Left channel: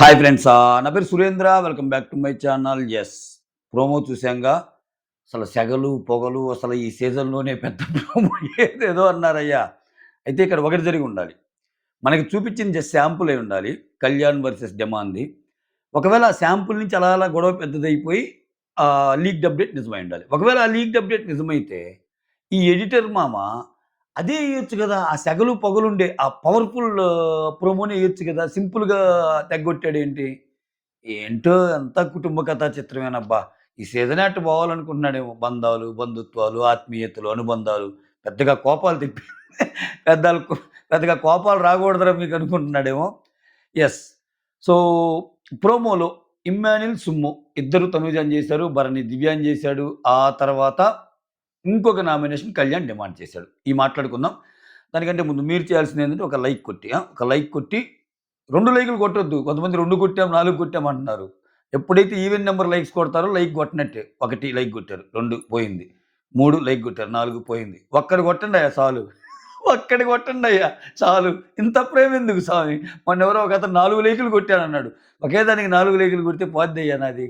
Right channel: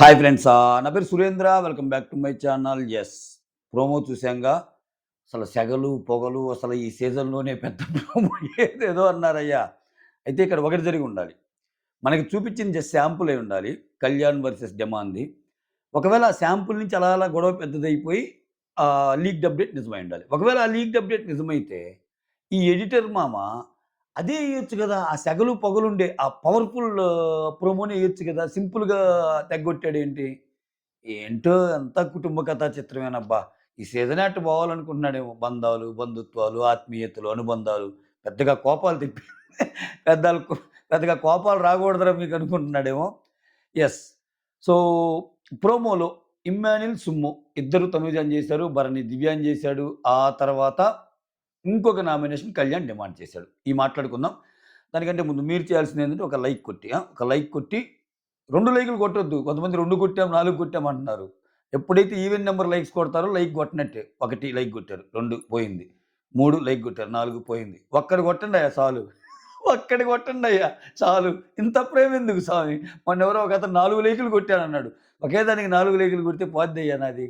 Hi friends. నా పేరు Surendra. Welcome back to my channel. Promo చూసాంగా. అసలు సెగలు, పొగలు అసలు ఈ సీజన్‌లోనే పెద్ద ప్రోమో ఏదేదో అన్నారయ్యా. అయితే ఇక్కడ ఒకటి జరిగుండాలి. మనకి చూపించింది జస్ట్ శాంపుల్ అయ్యుండాలి. 'కళ్యాణ్ వర్సెస్ డెమాన్‌ది.' ఒకవేళ ఆ శాంపుల్ నుంచి అలా అలా గొడవ పెద్దదైపోయి లీక్డ్ అప్డేట్ నిజమై ఉండాలి. ఒకవేళ ఆ లీక్డ్ అప్డేట్ నిజమైతే ఈ ఎడిటర్ మామ అదే ఎయొచ్చు గదా! ఆ సెగలు, పొగలుండే ఆ పవర్‌ఫుల్ ప్రోమోనే ఎయొచ్చు గదా! సింపుల్‌గా తెగ్గొట్టాడేంటి? ఏంటో అంతా కుటుంబ కథా చిత్రమేనబ్బా! ఈ సీజనే అట్ట పోవాలనుకుంటున్నాడేమో. బంధాలు, బంధుత్వాలు, ఆత్మీయతలు, అనుబంధాలు పెద్దగా కోపాలు తెప్పి పెద్దలకు పెద్దగా కోపాలు రాకూడదురా మీకనుకుంటున్నాడేమో. యెస్. సో, ప్రోమోలో ఇమ్మాన్యుల్, సుమ్ము ఇద్దరు తనుజాని చేశారు. భరణి దివ్యాని చేశాడు. ఆ తర్వాత ఇంకొక నామినేషన్ కళ్యాణ్ డిమాండ్ చేశాడు. మాట్లాడుకుందాం. దానికంటే ముందు మీరు చేయాల్సిందేంటంటే ఒక లైక్ కొట్టి ఒక లైక్ కొట్టి 2 లైకులు కొట్టొద్దు. కొంతమంది 2 కొట్టాం, 4 కొట్టాం అంటున్నారు. ఎప్పుడైతే ఈవెన్ నంబర్ లైక్స్ కొడతారో లైక్ కొట్టనట్టే. 1 లైక్ కొట్టారు. 2 పోయింది. 3 లైక్ కొట్టారు. 4 పోయింది. ఒక్కటి కొట్టండయ్యా సాలు. ఒక్కటి కొట్టండయ్యా చాలు. ఇంత ప్రేమెందుకు స్వామి? మొన్నెవరో ఒకతను 4 లైకులు కొట్టానన్నాడు. ఒకే దానికి 4 లైకులు కొడితే పోద్దయ్యా నాది.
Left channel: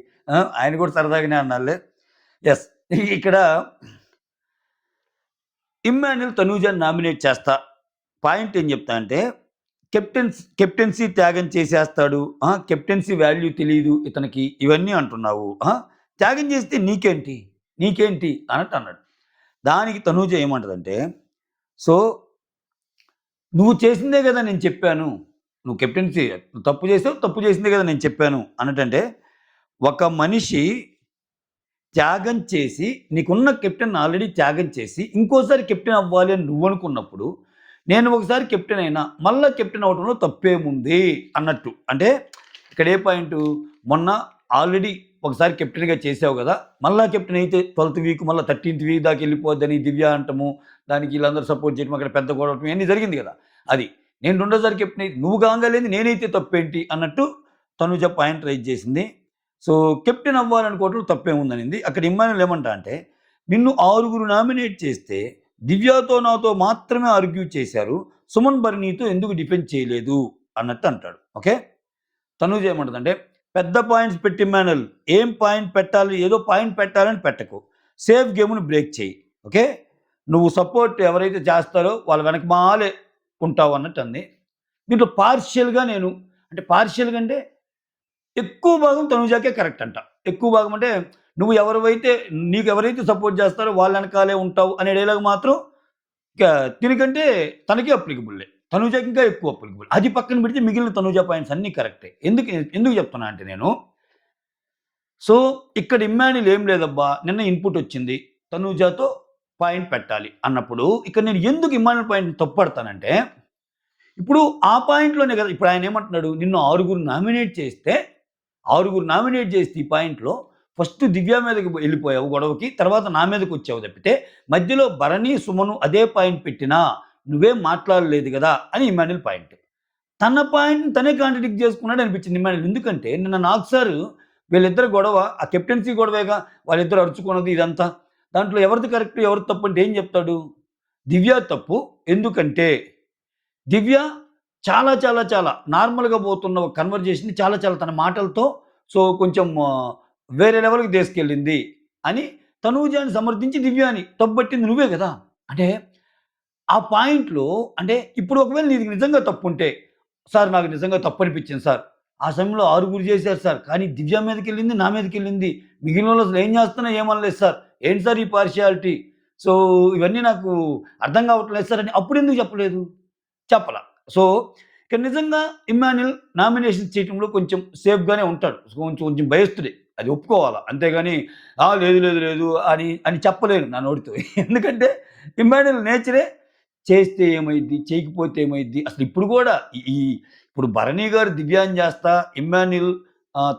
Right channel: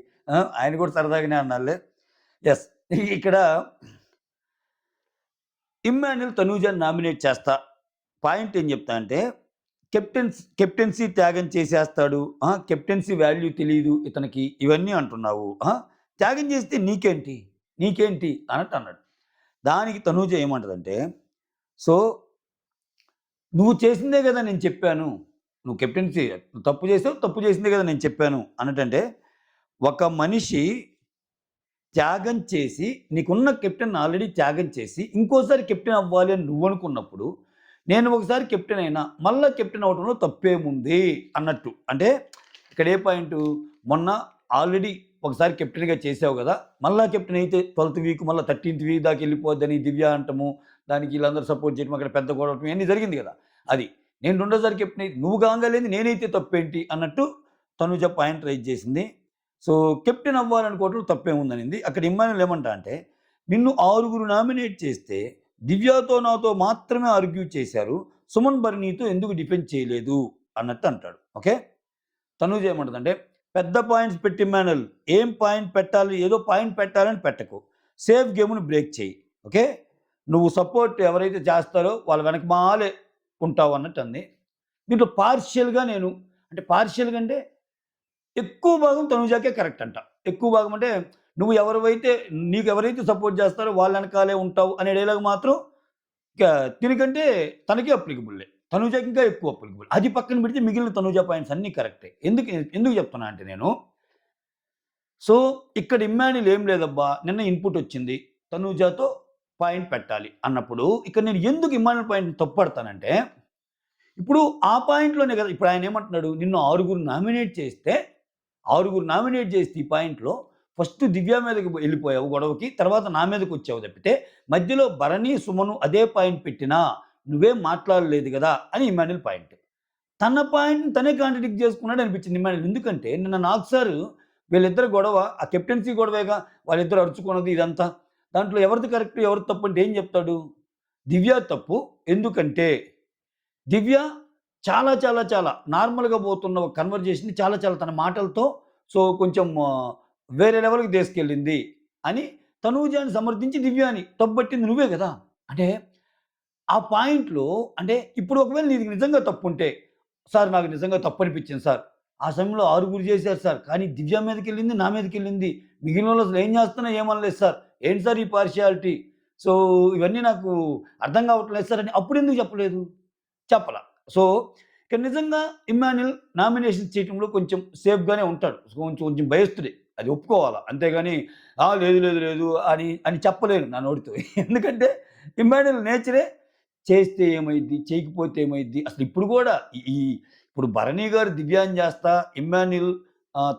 ఆయన కూడా సరదాగానే అన్నాడులే. యెస్. ఇక్కడ ఇమ్మాన్యుల్ తనూజాని నామినేట్ చేస్తా. పాయింట్ ఏం చెప్తా అంటే కెప్టెన్సీ త్యాగం చేసేస్తాడు. కెప్టెన్సీ వాల్యూ తెలీదు ఇతనికి. ఇవన్నీ అంటున్నావు. త్యాగం చేస్తే నీకేంటి? నీకేంటి? అన్నట్టు అన్నాడు. దానికి తనూజ ఏమంటదంటే, సో, నువ్వు చేసిందే గదా నేను చెప్పాను. నువ్వు కెప్టెన్సీ తప్పు చేసావు. తప్పు చేసిందే గదా నేను చెప్పాను అన్నట్టంటే, ఒక మనిషి త్యాగం చేసి, నీకున్న కెప్టెన్ ఆల్రెడీ త్యాగం చేసి, ఇంకోసారి కెప్టెన్ అవ్వాలి అని నువ్వనుకున్నప్పుడు, నేను ఒకసారి కెప్టెన్ అయినా, మళ్ళా కెప్టెన్ అవ్వడంలో తప్పేముంది అన్నట్టు. అంటే ఇక్కడ ఏ పాయింటు, మొన్న ఆల్రెడీ ఒకసారి కెప్టెన్‌గా చేసావు గదా! మళ్ళా కెప్టెన్ అయితే 12థ్ వీక్ మళ్ళా 13థ్ వీక్ దాకా ఎళ్ళిపోద్దని దివ్య అంటము, దానికి ఈళ్ళందరూ సపోర్ట్ చేయడం, అక్కడ పెద్ద గొడవటం ఇయన్నీ జరిగింది గదా! అది. నేను రెండోసారి కెప్టెన్ అయి నువ్వు కాంగాలేంది నేనైతే తప్పేంటి అన్నట్టు తనుజ పాయింట్ రైజ్ చేసింది. సో, కెప్టెన్ అవ్వాలనుకోవడంలో తప్పేముందనింది. అక్కడ ఇమ్మాన్యుల్ ఏమంటా అంటే, నిన్ను 6 నామినేట్ చేస్తే, దివ్యతో నాతో మాత్రమే ఆర్గ్యూ చేశారు. సుమన్ భరణితో ఎందుకు డిఫెండ్ చేయలేదు అన్నట్టు అంటాడు. ఓకే. తనూజ ఏమంటదంటే, పెద్ద పాయింట్స్ పెట్టి ఇమ్మాన్యుల్ ఏం పాయింట్ పెట్టాలి, ఏదో పాయింట్ పెట్టాలని పెట్టకు. సేఫ్ గేమ్‌ని బ్రేక్ చెయ్యి. ఓకే. నువ్వు సపోర్ట్ ఎవరైతే చేస్తారో వాళ్ళ వెనకమాలే ఉంటావు అన్నట్టు అంది. దీంట్లో పార్షియల్‌గా నేను అంటే పార్షియల్‌గా అంటే ఎక్కువ భాగం తనుజాకే కరెక్ట్ అంట. ఎక్కువ భాగం అంటే నువ్వు ఎవరివైతే నీకెవరైతే సపోర్ట్ చేస్తారో వాళ్ళ ఎనకాలే ఉంటావు అనే డైలాగ్ మాత్రం ఇక దీనికంటే తనకే అప్లికబుల్లే. తనుజాకి ఇంకా ఎక్కువ అప్లికబుల్. అది పక్కన పెడితే మిగిలిన తనుజా పాయింట్స్ అన్నీ కరెక్టే. ఎందుకు చెప్తున్నా అంటే నేను, సో, ఇక్కడ ఇమ్మాన్యుల్ ఏం లేదబ్బా! నిన్న ఇన్‌పుట్ వచ్చింది. తనుజాతో పాయింట్ పెట్టాలి అన్నప్పుడు ఇక్కడ నేను ఎందుకు ఇమ్మాన్యుల్ పాయింట్‌ని తప్పుపడతానంటే, ఇప్పుడు ఆ పాయింట్‌లోనే కదా! ఇప్పుడు ఆయన ఏమంటున్నాడు, నిన్ను 6 నామినేట్ చేస్తే 6 నామినేట్ చేస్తే ఈ పాయింట్‌లో ఫస్ట్ దివ్య మీదకి ఎళ్ళిపోయావు గొడవకి. తర్వాత నా మీదకొచ్చావు తప్పితే, మధ్యలో భరణి, సుమను అదే పాయింట్ పెట్టినా నువ్వేం మాట్లాడలేదు గదా! అని ఇమ్మాన్యుల్ పాయింట్. తన పాయింట్‌ని తనే కాంట్రడిక్ట్ చేసుకున్నాడు అనిపించింది ఇమ్మాన్యుల్. ఎందుకంటే నిన్న నాకు సారు వీళ్ళిద్దరి గొడవ ఆ కెప్టెన్సీ గొడవేగా వాళ్ళిద్దరు అరుచుకున్నది ఇదంతా. దాంట్లో ఎవరిది కరెక్ట్, ఎవరిది తప్పు అంటే ఏం చెప్తాడు? దివ్య తప్పు. ఎందుకంటే దివ్య చాలా, చాలా, చాలా నార్మల్‌గా పోతున్న ఒక కన్వర్జేషన్‌ని చాలా, చాలా తన మాటలతో సో, కొంచెం వేరే లెవెల్‌కి తీసుకెళ్ళింది అని తనూజాని సమర్థించి దివ్యాని తప్పుబట్టింది నువ్వే గదా! అంటే ఆ పాయింట్‌లో అంటే ఇప్పుడు ఒకవేళ నీది నిజంగా తప్పుంటే, సార్ నాకు నిజంగా తప్పనిపించింది సార్. ఆ సమయంలో 6 చేశారు సార్. కానీ దివ్య మీదకెళ్ళింది, నా మీదకెళ్ళింది. మిగిలినోళ్ళు అసలు ఏం చేస్తున్నా ఏమనలేదు సార్. ఏంటి సార్ ఈ పార్షియాలిటీ? సో, ఇవన్నీ నాకు అర్థం కావట్లేదు సార్ అని అప్పుడెందుకు చెప్పలేదు? చెప్పలా. సో, ఇక్కడ నిజంగా ఇమ్మాన్యుల్ నామినేషన్ చేయటంలో కొంచెం సేఫ్‌గానే ఉంటాడు. కొంచెం కొంచెం భయస్తుడే. అది ఒప్పుకోవాలా. అంతేగాని లేదు, లేదు, లేదు అని చెప్పలేను నా నోటితో. ఎందుకంటే ఇమ్మాన్యుల్ నేచరే చేస్తే ఏమైద్ది? చేయకపోతే ఏమైద్ది? అసలు ఇప్పుడు గూడా ఈ ఈ ఇప్పుడు భరణి గారు దివ్యాని చేస్తా, ఇమ్మాన్యుల్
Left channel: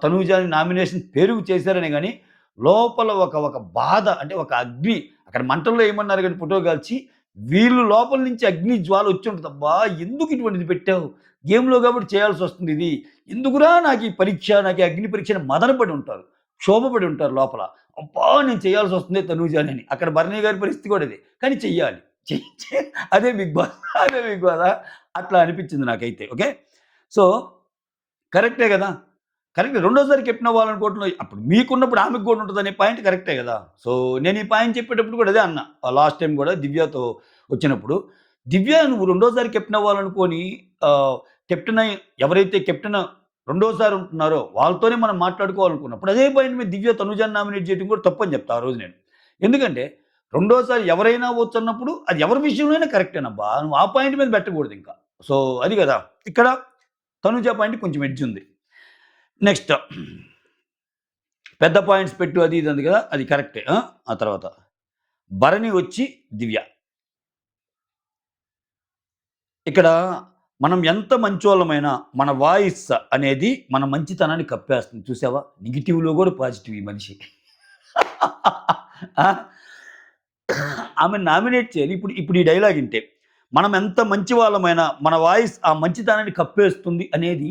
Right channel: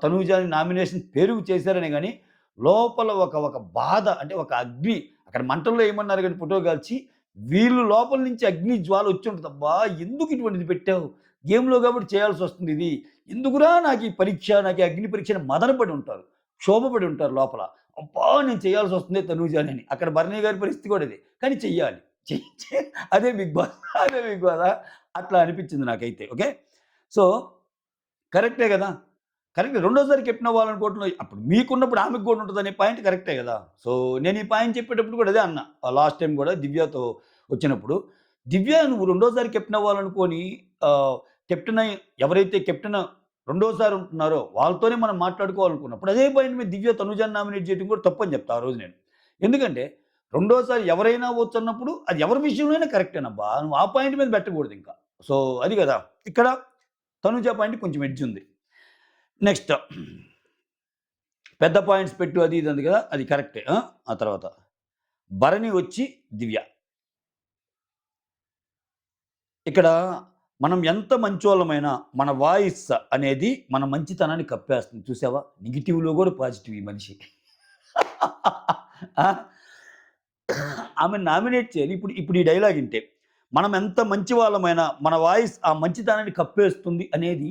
తనూజాని నామినేషన్ పేరుకు చేశారనే గాని, లోపల ఒక ఒక బాధ అంటే ఒక అగ్ని అక్కడ మంటల్లో ఏయమన్నారు గాని ఫోటో కాల్చి వీళ్ళు లోపల నుంచి అగ్ని జ్వాల వచ్చుంటది. అబ్బా! ఎందుకు ఇటువంటిది పెట్టావు? గేమ్‌లో కాబట్టి చేయాల్సొస్తుంది ఇది. ఎందుకురా నాకు ఈ పరీక్ష, నాకు ఈ అగ్ని పరీక్ష అని మదన పడి ఉంటారు. క్షోభపడి ఉంటారు లోపల. అబ్బా! నేను చేయాల్సొస్తుంది తనూజాని. అక్కడ భరణి గారి పరిస్థితి కూడా ఇదే. కానీ చెయ్యాలి. చెయ్ చె అదే బిగ్ బాస్. అదే బిగ్ బాసా? అట్లా అనిపించింది నాకైతే. ఓకే. సో, కరెక్టే గదా! కరెక్టే. రెండోసారి కెప్టెన్ అవ్వాలనుకోవటంలో అప్పుడు మీకున్నప్పుడు ఆమెకు గూడా ఉంటదనే పాయింట్ కరెక్టే గదా! సో, నేను ఈ పాయింట్ చెప్పేటప్పుడు కూడా అదే అన్నా. లాస్ట్ టైమ్ గూడా దివ్యతో వచ్చినప్పుడు. దివ్య నువ్వు రెండోసారి కెప్టెన్ అవ్వాలనుకోని కెప్టెన్ ఎవరైతే కెప్టెన్ రెండోసారి ఉంటున్నారో వాళ్ళతోనే మనం మాట్లాడుకోవాలనుకున్నప్పుడు అదే పాయింట్ మీద దివ్య, తనుజాని నామినేట్ చేయడం కూడా తప్పని చెప్తా ఆ రోజు నేను. ఎందుకంటే రెండోసారి ఎవరైనా అవ్వొచ్చన్నప్పుడు అది ఎవరి విషయంలో అయినా కరెక్టేనబ్బా! నువ్వు ఆ పాయింట్ మీద పెట్టకూడదింక. సో, అది గదా! ఇక్కడ తనుజ పాయింట్ కొంచెం ఎడ్జ్ ఉంది. నెక్స్ట్ పెద్ద పాయింట్స్ పెట్టు అది ఇది అంది కదా! అది కరెక్టే. ఆ తర్వాత భరణి వచ్చి దివ్య. ఇక్కడ మనం ఎంత మంచోళ్ళమైనా మన వాయిస్ అనేది మన మంచితనాన్ని కప్పేస్తుంది. చూసావా? నెగెటివ్‌లో గూడా పాజిటివ్ ఈ మనిషి. ఆ! ఆమెని నామినేట్ చేయాలి. ఇప్పుడు ఇప్పుడు ఈ డైలాగ్ ఇంటే. మనం ఎంత మంచి వాళ్ళమైనా మన వాయిస్ ఆ మంచితనాన్ని కప్పేస్తుంది అనేది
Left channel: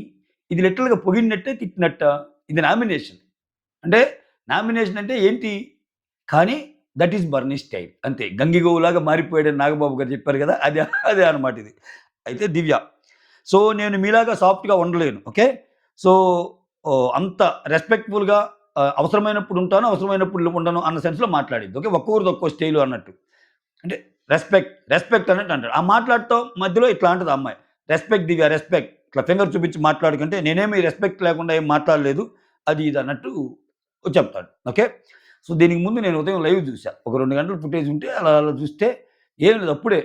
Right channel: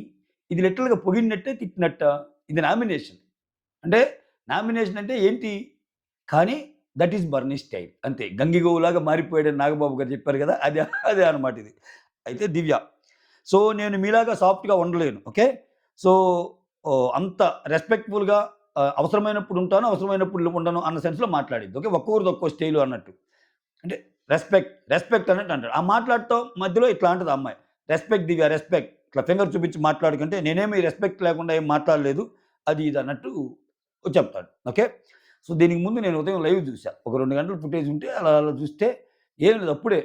ఇది లిటరల్‌గా పొగిడినట్టే, తిట్టినట్టా? ఇది నామినేషన్. అంటే నామినేషన్ అంటే ఏంటి? కానీ దట్ ఈస్ బర్నీ స్టైల్. అంతే. గంగిగోవులాగా మారిపోయాడని నాగబాబు గారు చెప్పారు గదా! అదే అన్నమాట ఇది. అయితే దివ్య. సో, నేను మీలాగా సాఫ్ట్‌గా ఉండలేను. ఓకే. సో, అంత రెస్పెక్ట్‌ఫుల్‌గా అవసరమైనప్పుడు ఉంటాను, అవసరమైనప్పుడు ఉండను అన్న సెన్స్‌లో మాట్లాడిద్ది. ఓకే. ఒక్కొక్కరిది ఒక్కో స్టైలు అన్నట్టు. అంటే రెస్పెక్ట్ అన్నట్టు అంటాడు. ఆ మాట్లాడుతా మధ్యలో ఇట్లా అంటది ఆ అమ్మాయి. రెస్పెక్ట్ దివ్య రెస్పెక్ట్. ఇట్లా ఫింగర్ చూపించి మాట్లాడకంటే నేనేమి రెస్పెక్ట్ లేకుండా ఏం మాట్లాడలేదు. అది ఇది అన్నట్టు చెప్తాడు. ఓకే. సో, దీనికి ముందు నేను ఉదయం లైవ్ చూసా. ఒక 2 గంటలు ఫుటేజ్ ఉంటే అలా చూస్తే ఏం లేదు అప్పుడే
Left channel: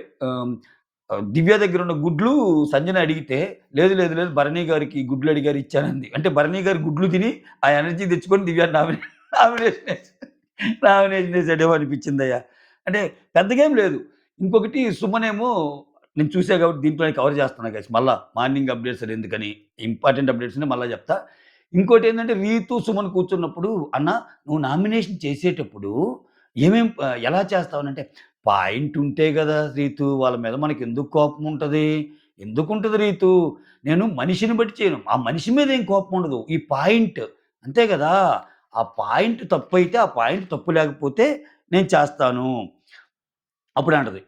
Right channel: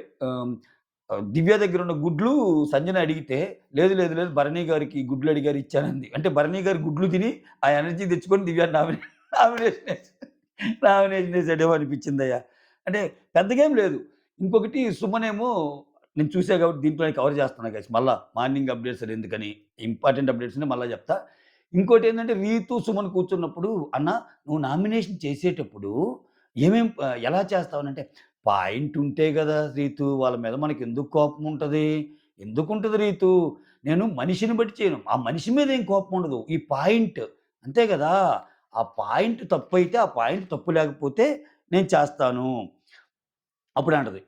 దివ్య దగ్గరున్న గుడ్లు సంజన అడిగితే, లేదు భరణి గారికి గుడ్లు అడిగారు ఇచ్చానంది. అంటే భరణి గారు గుడ్లు తిని ఆ ఎనర్జీ తెచ్చుకొని దివ్యాని నామినేషన్ ఏసి నామినేషన్ ఏసాడేమో అనిపించిందయ్యా. అంటే పెద్దగేం లేదు. ఇంకొకటి సుమనేమో నేను చూసా కాబట్టి దీంట్లోనే కవర్ చేస్తున్నా గైస్ మళ్ళా మార్నింగ్ అప్డేట్స్ అని ఎందుకని ఇంపార్టెంట్ అప్డేట్స్‌ని మళ్ళా చెప్తా. ఇంకోటేంటంటే 'రీతు, సుమన్' కూర్చున్నప్పుడు "అన్న నువ్వు నామినేషన్ చేసేటప్పుడు ఎలా చేస్తావనంటే" పాయింట్ ఉంటే గదా! రీతు వాళ్ళ మీద మనకెందుకు కోపం ఉంటది? ఎందుకుంటది రీతు? నేను మనిషిని బట్టి చేయను. ఆ మనిషి మీద ఏం కోపం ఉండదు. ఈ పాయింట్ అంతే గదా! ఆ పాయింట్ తప్పైతే, ఆ పాయింట్ తప్పు లేకపోతే నేను చేస్తాను. అప్పుడంటది.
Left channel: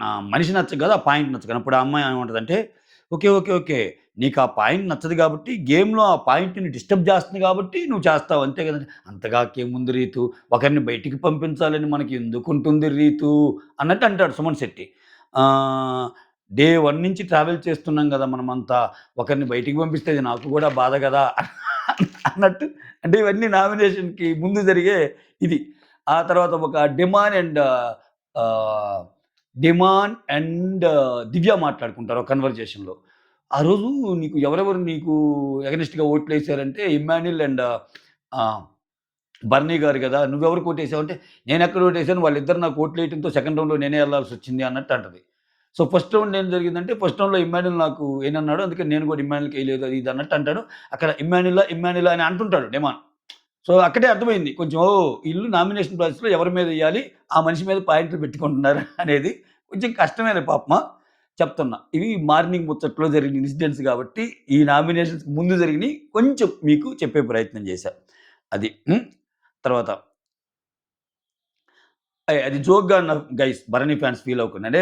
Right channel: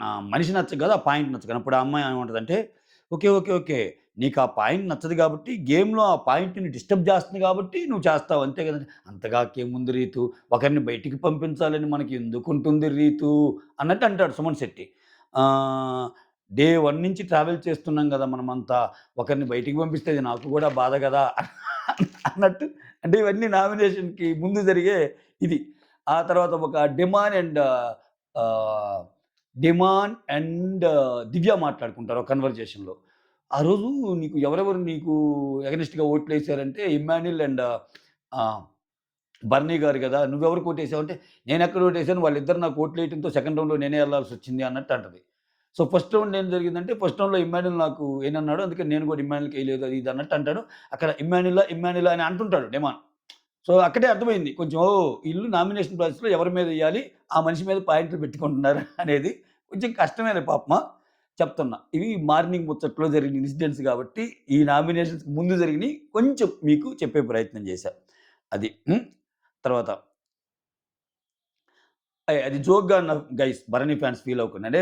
నా మనిషి నచ్చక కాదు, ఆ పాయింట్ నచ్చక. అప్పుడు ఆ అమ్మాయి ఏమంటదంటే, ఓకే. నీకా పాయింట్ నచ్చదు గాబట్టి, గేమ్‌లో ఆ పాయింట్‌ని డిస్టర్బ్ చేస్తుంది గాబట్టి నువ్వు చేస్తావు అంతే గదా! అంతగాకేముంది రీతు, ఒకరిని బయటికి పంపించాలని మనకి ఎందుకుంటుంది రీతు అన్నట్టు అంటాడు సుమన్ శెట్టి. ఆహ్, డే 1 నుంచి ట్రావెల్ చేస్తున్నాం గదా! మనమంతా. ఒకరిని బయటికి పంపిస్తే అది నాకు గూడా బాధ గదా! అన్నట్టు అంటే ఇవన్నీ నామినేషన్‌కి ముందు జరిగే ఇది. ఆ తర్వాత ఒక ఆహ్, 'డిమాన్' అండ్ 'దివ్య' మాట్లాడుకుంటారు ఒక కన్వర్జేషన్‌లో. ఆ రోజు ఎవరెవరు నీకు ఎగనెస్ట్‌గా ఓట్లేసారంటే 'ఇమ్మాన్యుల్' అండ్ ఆహ్, 'బర్నీ' గారు గదా! నువ్వెవరికి ఓటేసావంటే, నేనెక్కడ ఓటేసాను వాళ్ళిద్దరు నాకు ఓట్లేయటంతో సెకండ్ రౌండ్‌లో నేనే ఎళ్ళాల్సొచ్చింది అన్నట్టు అంటది. సో, ఫస్ట్ రౌండ్ ఏం జరిగిందంటే, ఫస్ట్ రౌండ్‌లో 'ఇమ్మాన్యుల్' నాకు ఎయనన్నాడు. అందుకని నేను గూడా 'ఇమ్మాన్యుల్‌కెయలేదు' అది ఇది అన్నట్టు అంటాడు. అక్కడ 'ఇమ్మాన్యులా' అని అంటుంటాడు 'డిమాన్.' సో, అక్కడే అర్థమైంది. కొంచెం ఈళ్ళు నామినేషన్ ప్రాసెస్‌లో ఎవరి మీదెయ్యాలి, ఆ మనిషి మీద పాయింట్లు పెట్టుకుంటున్నారు అనేది కొంచెం కష్టమేలే పాపమా! చెప్తున్నా. ఇవి మార్నింగ్ ముచ్చట్లో జరిగిన ఇన్సిడెంట్స్ గాబట్టి, ఈ నామినేషన్స్‌కి ముందు జరిగినియి కొంచెం మీకు చెప్పే ప్రయత్నం చేశా. అది. తర్వాత అది జోక్‌గా అన్నా గైస్ భరణి ఫ్యాన్స్ ఫీల్ అవ్వకండి. అంటే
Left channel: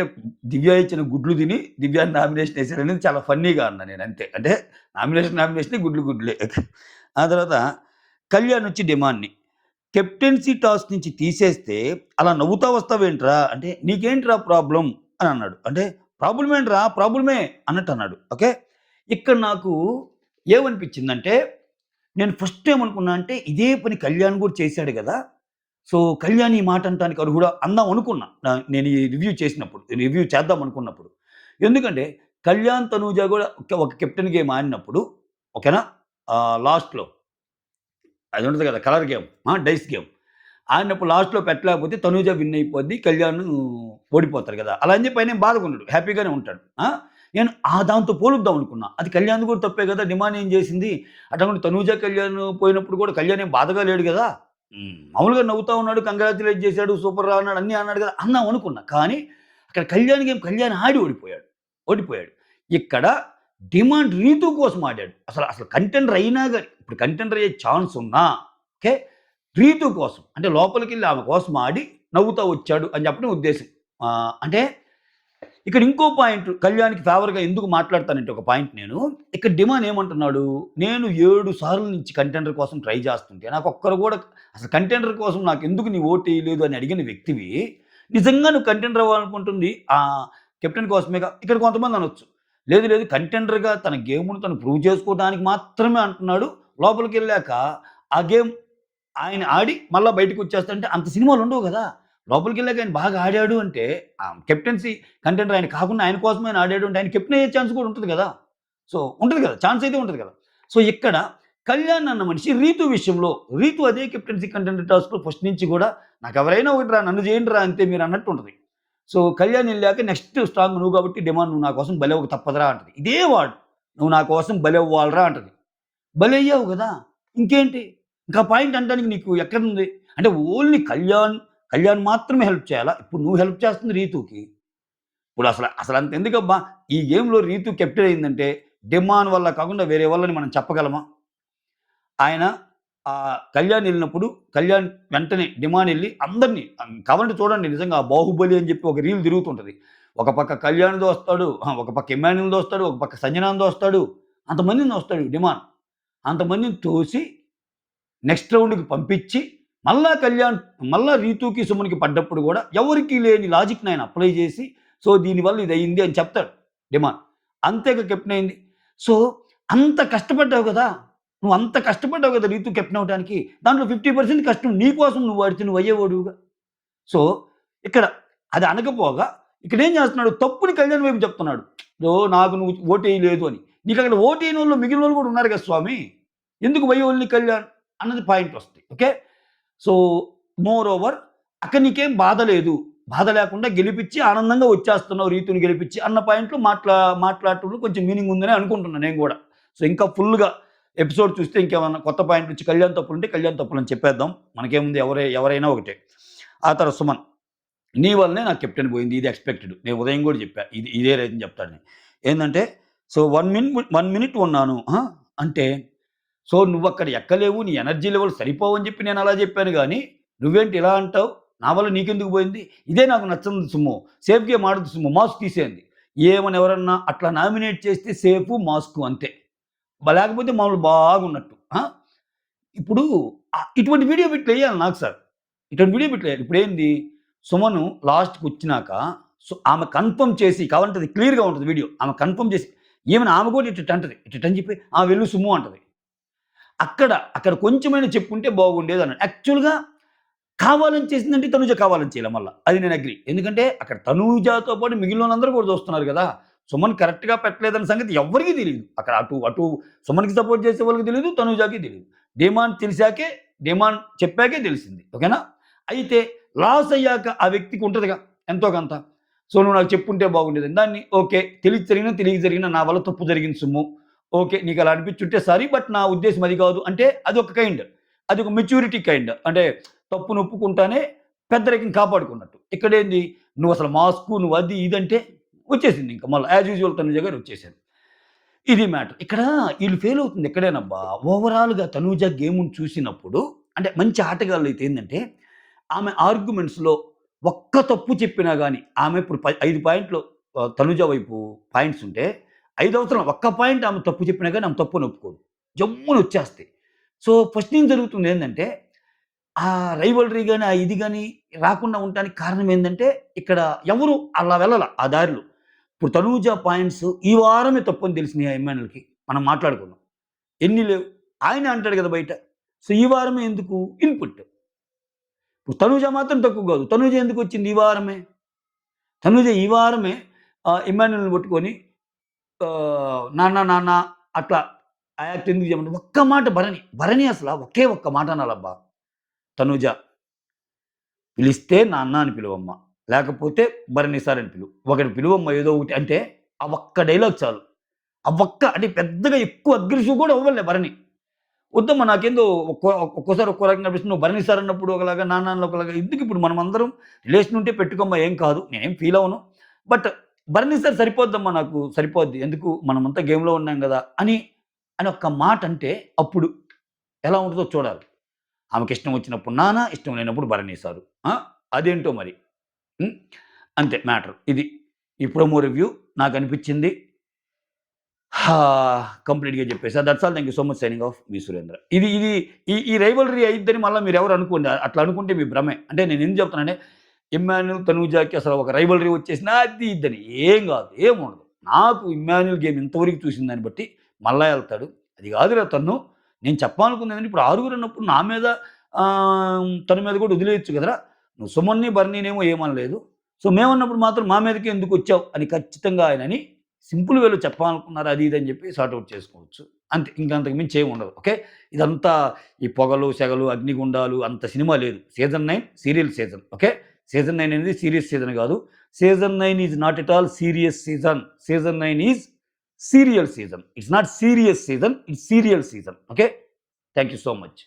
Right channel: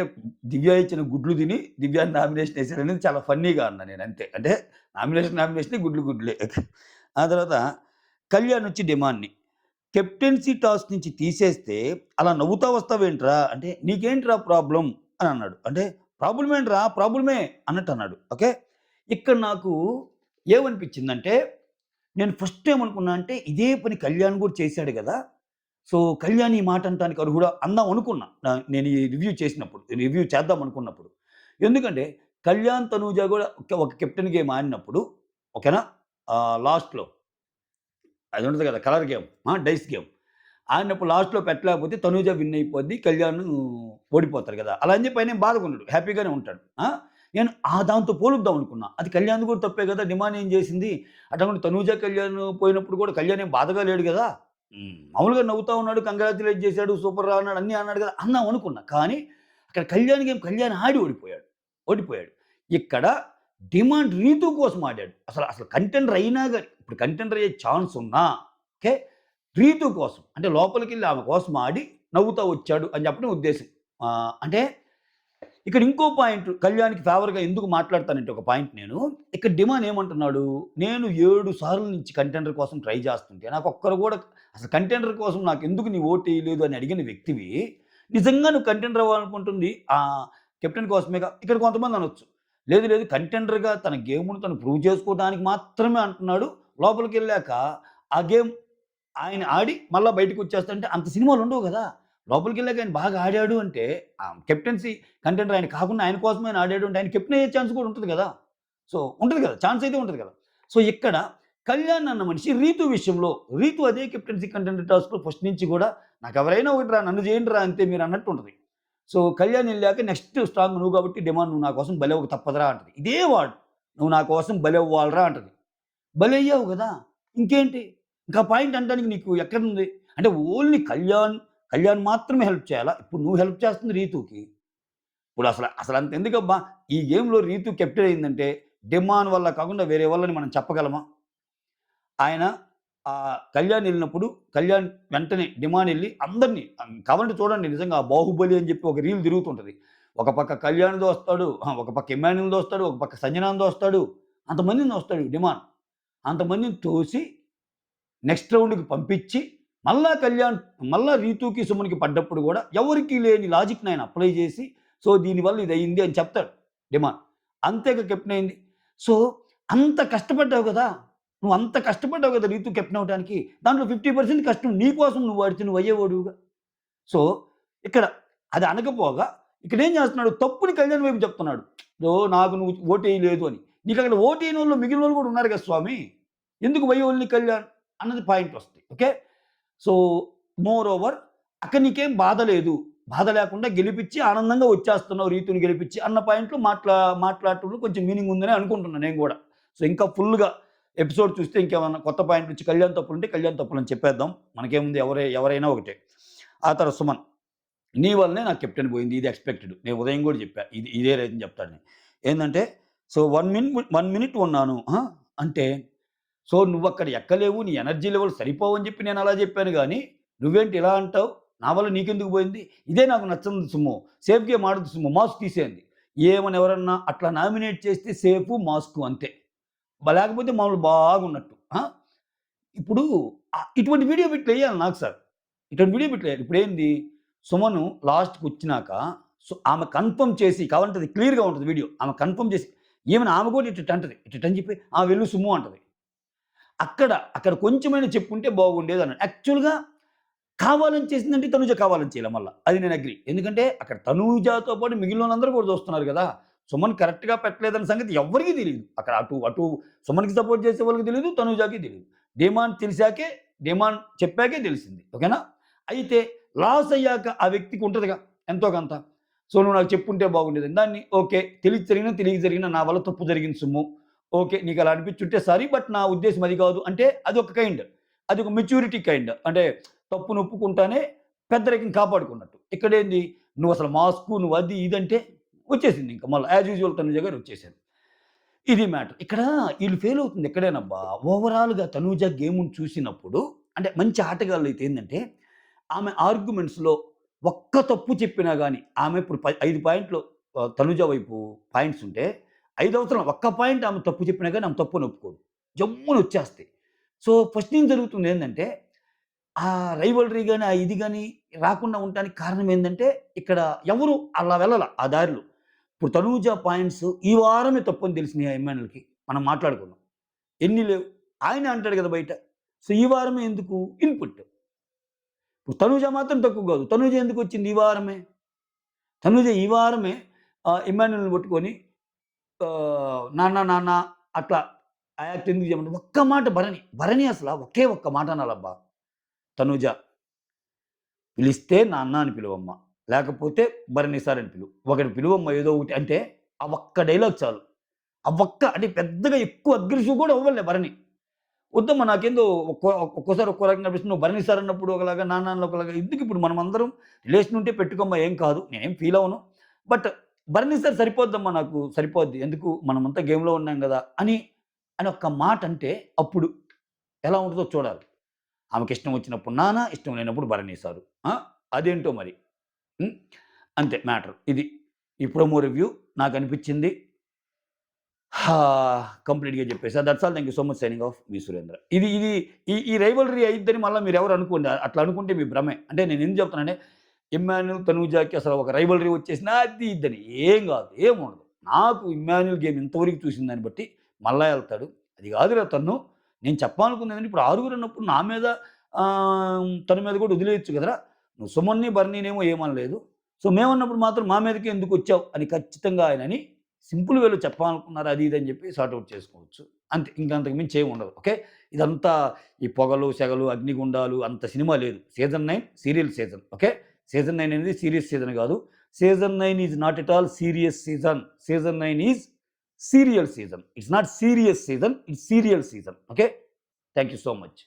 దివ్య ఇచ్చిన గుడ్లు తిని దివ్యాని నామినేషన్ ఏసారనేది చాలా ఫన్నీగా అన్నా నేను అంతే. అంటే నామినేషనే గుడ్లే. ఆ తర్వాత కళ్యాణ్ వచ్చి డిమాండ్‌ని కెప్టెన్సీ టాస్క్ నుంచి తీసేస్తే అలా నవ్వుతా వస్తావేంట్రా? అంటే నీకేంట్రా ప్రాబ్లమ్ అని అన్నాడు. అంటే ప్రాబ్లమ్ ఏంట్రా? ప్రాబ్లమే అన్నట్టు అన్నాడు. ఓకే. ఇక్కడ నాకు ఏమనిపించిందంటే నేను ఫస్ట్ ఏమనుకున్నా అంటే ఇదే పని కళ్యాణ్ కూడా చేశాడు గదా! సో, కళ్యాణ్ ఈ మాట అనటానికి అర్హుడా? అందాం అనుకున్నా. నేను ఈ రివ్యూ చేసినప్పుడు. రివ్యూ చేద్దాం అనుకున్నప్పుడు. ఎందుకంటే కళ్యాణ్, తనూజ గూడా ఒక కెప్టెన్ గేమ్ ఆడినప్పుడు ఓకేనా? లాస్ట్‌లో అది ఉంటది కదా! Colour game. Dice game. ఆడినప్పుడు లాస్ట్‌లో పెట్టలేకపోతే తనూజ విన్ అయిపోద్ది. కళ్యాణ్ ఓడిపోతారు గదా! అలా అని చెప్పి ఆయనేం బాధగుండడు. హ్యాపీగానే ఉంటాడు. నేను దాంతో పోలుద్దాం అనుకున్నా. అది కళ్యాణ్‌ది కూడా తప్పే గదా! డిమాండ్ ఏం చేసింది? అట్లాంటి తనూజ, కళ్యాణ్ పోయినప్పుడు కూడా కళ్యాణ్ ఏం బాధగా లేడు గదా! మామూలుగా నవ్వుతా ఉన్నాడు. కంగ్రాచ్యులేట్ చేసాడు. సూపర్ రా అన్నాడు. అన్నీ అన్నాడు గదా! అందాం అనుకున్నా. కానీ అక్కడ కళ్యాణ్ ఆడి ఓడిపోయాడు. ఓడిపోయాడు. ఇక్కడ డిమాండ్ రీతు కోసం ఆడాడు. అసలు కంటెండర్ అయినా గాని ఇప్పుడు కంటెండర్ అయ్యే ఛాన్స్ ఉన్నా ఓకే. రీతు కోసం. అంటే లోపలికెళ్ళి ఆమె కోసం ఆడి నవ్వుతా వచ్చాడు అని చెప్పడం ఉద్దేశ్యం. అంటే ఇక్కడ ఇంకో పాయింట్ కళ్యాణ్‌కి ఫేవర్‌గా ఎందుకు మాట్లాడతానంటే ఒక పాయింట్ నేను. ఇక్కడ డిమాండ్ ఏమంటున్నాడు? నేను 7 సార్లు నుంచి కంటెండర్ కోసం ట్రై చేస్తుంటే నాకొక్కరు గూడా అసలు కంటెండర్ కోసం నాకెందుకు నీ ఓటేయలేదు అని అడిగిన వ్యక్తివి, నిజంగా నువ్వు కంటెండర్ అవ్వాలనుకుంటుంది కెప్టెన్ కోసమేగా. ఇక్కడ కొంతమంది అనొచ్చు. లేదు లేదు కంటెండర్‌గా తన గేమ్‌ని తను ప్రూవ్ చేసుకోవడానికి మాత్రమే అంటున్నాడు. లోపలికెళ్ళాక ఆ గేమ్ ఆయన ఆడి మళ్ళా బయటికొచ్చేస్తాడంటే అంత సినిమాలుండవు గదా! లోపలికెళ్ళాక ఆయన బాగా ఆడాడు అంటే కెప్టెన్సీ కంటెండర్ ఆయన కాకుండా ఆయన కోసమే ఆయన ఆడాడు అంటే ఆయన కెప్టెన్ అయ్యే ఛాన్స్ కూడా ఉంటది గదా! సో, ఉంటది గదా! ఛాన్స్ అయితే ఉంటది గదా! సో, ఇక్కడ కళ్యాణ్ అన్న మనిషి రీతు విషయంలో రీతు అదే కెప్టెన్సీ కంటెండర్ టాస్క్‌లో ఫస్ట్ నుంచి గూడా నాకెవరైనా ఒకటిరా నన్ను చేయండిరా అంతే మీరన్నట్టు ఉంటది. సో, కళ్యాణ్ ఎళ్ళాక నెక్స్ట్ స్ట్రాంగ్ నువ్వు కాబట్టి డిమాండ్ నువ్వు నా కోసం బలవ్వక తప్పదురా అంటది. ఇదే వాడు. నువ్వు నా కోసం బలవ్వాలిరా అంటది. బలయ్యావు గదా! ఇంకేంటి? ఇంకా పాయింట్ అనడానికి నీకు ఎక్కడుంది? అంటే ఓన్లీ కళ్యాణ్ మాత్రమే హెల్ప్ చేయాలా? ఇప్పుడు నువ్వు హెల్ప్ చేస్తుంది రీతూకి. ఇప్పుడు అసలంతెందుకబ్బా! ఈ గేమ్‌లో రీతూ కెప్టెన్ అయిందంటే, డిమాన్ వల్ల కాకుండా వేరే వాళ్ళని మనం చెప్పగలమా? ఆయన కళ్యాణ్ ఎళ్ళినప్పుడు, కళ్యాణ్ వెంటనే డిమాన్ ఎళ్లి అందరిని కావాలంటే చూడండి నిజంగా ఆ 'బాహుబలి' అని చెప్పి ఒక రీల్ తిరుగుతుంటది. ఒక పక్క కళ్యాణ్ దోస్తాడు, ఒక పక్క ఇమ్మాన్యుల్ దోస్తాడు, ఒక పక్క సంజనాని దోస్తాడు. అంతమందిని దోస్తాడు డిమాన్. అంతమందిని తోసి నెక్స్ట్ రౌండ్‌కి పంపించి, మళ్ళా రీతూకి, సుమన్‌కి పడ్డప్పుడు గూడా ఎవరికీ లేని లాజిక్‌ని ఆయన అప్లై జేసి, సో, దీనివల్ల ఇదయింది అని చెప్తాడు డిమాండ్. అంతేగా కెప్టెన్ అయింది. సో, అంత కష్టపడ్డావు గదా! నువ్వంత కష్టపడ్డావు గదా! రీతూ కెప్టెన్ అవ్వటానికి. దాంట్లో 50% కష్టం నీ కోసం నువ్వు ఆడితే నువ్వు అయ్యేవాడివిగా. సో, ఇక్కడ అది అనకపోగా ఇక్కడేం జేస్తున్నాడు తప్పుని కళ్యాణ్ వైపు చెప్తున్నాడు. నాకు నువ్వు ఓటేయలేదు అని. నీకక్కడ ఓటేయనోళ్ళు మిగిలినోళ్ళు గూడా ఉన్నారు గదా స్వామి. ఎందుకు వై ఓన్లీ కళ్యాణ్ అన్నది పాయింటొస్తది. ఓకే. సో, మోర్ ఓవర్ అక్కడ నీకేం బాధ లేదు. బాధ లేకుండా గెలిపిచ్చి ఆనందంగా వచ్చేస్తున్నావు రీతుని గెలిపిచ్చి అన్న పాయింట్‌లో మాట్లాడటంలో కొంచెం మీనింగ్ ఉందనే అనుకుంటున్నా నేను గూడా. సో, ఇంకా ఫుల్‌గా ఎపిసోడ్ చూస్తే ఇంకేమన్నా కొత్త పాయింట్ నుంచి కళ్యాణ్ తప్పులుంటే కళ్యాణ్ తప్పులని చెప్పేద్దాం. మనకేముంది ఎవరైనా ఒకటే. ఆ తర్వాత సుమన్. నీ వల్లనే నాకు కెప్టెన్ పోయింది. ఇది ఎక్స్‌పెక్టెడ్. నేను ఉదయం గూడా జెప్పా. ఇదే రీజన్ చెప్తాడని. ఏందంటే సో, 1 మినిట్ ఉన్నాను. అంటే సో, నువ్వక్కడ ఎక్కలేవు. నీ ఎనర్జీ లెవెల్స్ సరిపోవని జెప్పి నేనలా జెప్పాను గానీ, నువ్వేంటి ఇలా అంటావు? నా వల్ల నీకెందుకు పోయింది? ఇదే నాకు నచ్చంది సుమ్ము. సేఫ్ గేమ్ ఆడొద్దు సుమ్ము. మాస్క్ తీసేయండి. ఏమని ఎవరన్నా అట్లా నామినేట్ చేస్తే సేఫు, మాస్కు అంతే. లేకపోతే మామూలు బాగున్నట్టు. ఇప్పుడు ఇటువంటి వీడియో బిట్లెయ్యాలి నాకు సార్. ఇటువంటి వీడియో బిట్లెయ్యాలి. ఇప్పుడేంది సుమను లాస్ట్‌కొచ్చినాక ఆమె కన్ఫర్మ్ చేసి కావాలంటే అది క్లియర్‌గా ఉంటది వీడియో. ఆమె కన్ఫర్మ్ చేసి ఆమె కూడా ఇట్టిట్టంటది. ఇట్టిట్టని చెప్పి వెళ్ళు సుమ్ము అంటది. అక్కడ కొంచెమైనా చెప్పుంటే బాగుండేదన్నాడు. యాక్చువల్‌గా కావాలని చేసిందంటే తనూజ కావాలని చేయలే మల్ల. అది నేను అగ్రీ. ఎందుకంటే అక్కడ తనూజతో పాటు మిగిలినోళ్ళందరూ కూడా చూస్తున్నారు గదా! సుమన్ కరెక్ట్‌గా పెట్టలేదన్న సంగతి ఎవ్వరికీ తెలీదు. అక్కడ అటు సుమన్‌కి సపోర్ట్ చేసే వాళ్ళకి తెలీదు. తనూజకి తెలీదు. డిమాండ్ చెప్పాకే తెలిసింది. ఓకేనా? అయితే లాస్ అయ్యాక ఆ వ్యక్తికి ఉంటదిగా ఎంతో కొంత. సో, నువ్వు నాకు చెప్పుంటే బాగుండేదని. దాన్ని ఓకే. తెలిసి జరిగినా, తెలియక జరిగినా నా వల్ల తప్పు జరిగింది సుమ్ము. ఓకే. నీకలా అనిపిచ్చుంటే సారీ. బట్ నా ఉద్దేశ్యం అది కాదు. అంటే అదొక కైండ్. అదొక మెచ్యూరిటీ కైండ్. అంటే తప్పును ఒప్పుకుంటానే పెద్దరికం కాపాడుకున్నట్టు. ఇక్కడేంది నువ్వసలు మాస్కు, నువ్వు అది ఇది అంటే వచ్చేసింది ఇంక మళ్ళా యాజ్ యూజువల్ తనుజ గారు వచ్చేసారు. ఇది మ్యాటర్. ఇక్కడ ఈళ్ళు ఫెయిల్ అవుతుంది ఎక్కడేనబ్బా! ఓవరాల్‌గా తనూజ గేముని చూసినప్పుడు అంటే మంచి ఆటగాళ్ళైతే ఏందంటే, ఆమె ఆర్గ్యుమెంట్స్‌లో ఒక్క తప్పు చెప్పినా గాని, ఆమె ఇప్పుడు 5 పాయింట్లు తనుజ వైపు పాయింట్స్ ఉంటే, 5 అవసరం ఒక్క పాయింట్ ఆమె తప్పు చెప్పినా గాని ఆమె తప్పని ఒప్పుకోదు. జమ్మున వచ్చేస్తాయి. సో, ఫస్ట్ నుంచి జరుగుతుంది ఏందంటే, ఆ రైవల్రీ గాని, ఆ ఇది గాని రాకుండా ఉండటానికి కారణం ఏందంటే, ఇక్కడ ఎవరు అలా వెళ్ళల ఆ దారిలో. ఇప్పుడు తనూజ పాయింట్స్ ఈ వారమే తప్పని తెలిసినాయి ఆ ఎమ్మాన్యూల్‌కి. మనం మాట్లాడుకున్నాం. ఎన్ని లేవు. ఆయనే అంటాడు గదా బయట. సో, ఈ వారమే ఎందుకు? ఇన్‌పుట్. ఇప్పుడు తనూజ మాత్రం తక్కువ గాదు. తనూజ ఎందుకొచ్చింది ఈ వారమే? తనూజ ఈ వారమే ఇమ్మాన్యూల్‌ని పట్టుకొని నాన్న, నాన్న అట్లా ఆ యాక్ట్ ఎందుకు చేయమంటే ఒక్క మాట భరణి అసల ఒకే ఒక్క మాట అనాలబ్బా! తనూజ పిలిస్తే నాన్న అని పిలువమ్మా. లేకపోతే భరణి సార్ అని పిలువు. ఒకటి పిలువమ్మా ఏదో ఒకటి అంటే ఆ ఒక్క డైలాగ్ చాలు. ఆ ఒక్క అంటే పెద్దగా ఎక్కువ అగ్రెసివ్ కూడా అవ్వలే భరణి. వద్దమ్మా నాకేందో ఒక్కోసారి ఒక్కో రకంగా అనిపిస్తుంది. నువ్వు భరణి సార్ అన్నప్పుడు ఒకలాగా, నాన్న అన్నప్పుడు ఒకలాగా ఎందుకిప్పుడు మనమందరం రిలేషన్ ఉంటే పెట్టుకోమ్మా ఏం కాదు. నేనేం ఫీల్ అవ్వను. బట్ భరణి సార్ సరిపోద్దమ్మా నాకు సరిపోద్ది. ఎందుకు మనమంతా గేమ్‌లో ఉన్నాం గదా! అని ఒక్క మాట అంటే అప్పుడు ఎలా ఉంటదో చూడాలి. ఆమెకిష్టం వచ్చినప్పుడు నాన్న, ఇష్టం లేనప్పుడు భరణి సారు. ఆ! అదేంటో మరి. హ్మ్. అంతే మ్యాటర్ ఇది. ఈ ప్రోమో రివ్యూ నాకనిపిచ్చింది. కంప్లీట్‌గా చెప్పేసా. That's all. Thank you so much. Signing off. మీ సురేంద్ర. ఇది ఇది ఈ రైవల్రీ అయిద్దని మళ్ళా మీరెవరు అనుకోండి. అట్లా అనుకుంటే మీ భ్రమే. అంటే నేనెందుకు చెప్తున్నానంటే, ఇమ్మాన్యూల్, తనూజాకి అసలు ఒక రైవల్రీ వచ్చేసింది అది ఇదని. ఏం గాదు. ఏముండదు. నాకు ఇమ్మాన్యూల్ గేమ్ ఇంతవరకు చూసిన దాన్ని బట్టి మళ్ళా ఎళ్తాడు. అది గాదురా తన్ను. నేను చెప్పాలనుకుందేంటంటే ఇప్పుడు ఆరుగురన్నప్పుడు నా మీద తన మీద కూడా వదిలేయొచ్చు కదరా! నువ్వు సుమన్‌ని, బర్నీనేమో ఏమనలేదు. సో, మేమన్నప్పుడు మాత్రం మా మీదకే ఎందుకొచ్చావు అని ఖచ్చితంగా ఆయనని సింపుల్ వేలో చెప్పాలనుకున్నారు అది ఇది అని చెప్పి సార్ట్ ఔట్ చేసుకోవచ్చు. అంతే. ఇంక అంతకు మించి ఏముండదు. ఓకే. ఇదంతా ఈ పొగలు, సెగలు, అగ్నిగుండాలు అంత సినిమా లేదు. Season 9 serial season. Okay. Season 9 అనేది సీరియస్ సీజన్ గాదు. Season 9 is not at all serious season. Season 9 is serial season. It's not serious season. It's serial season. Okay. Thank you so much.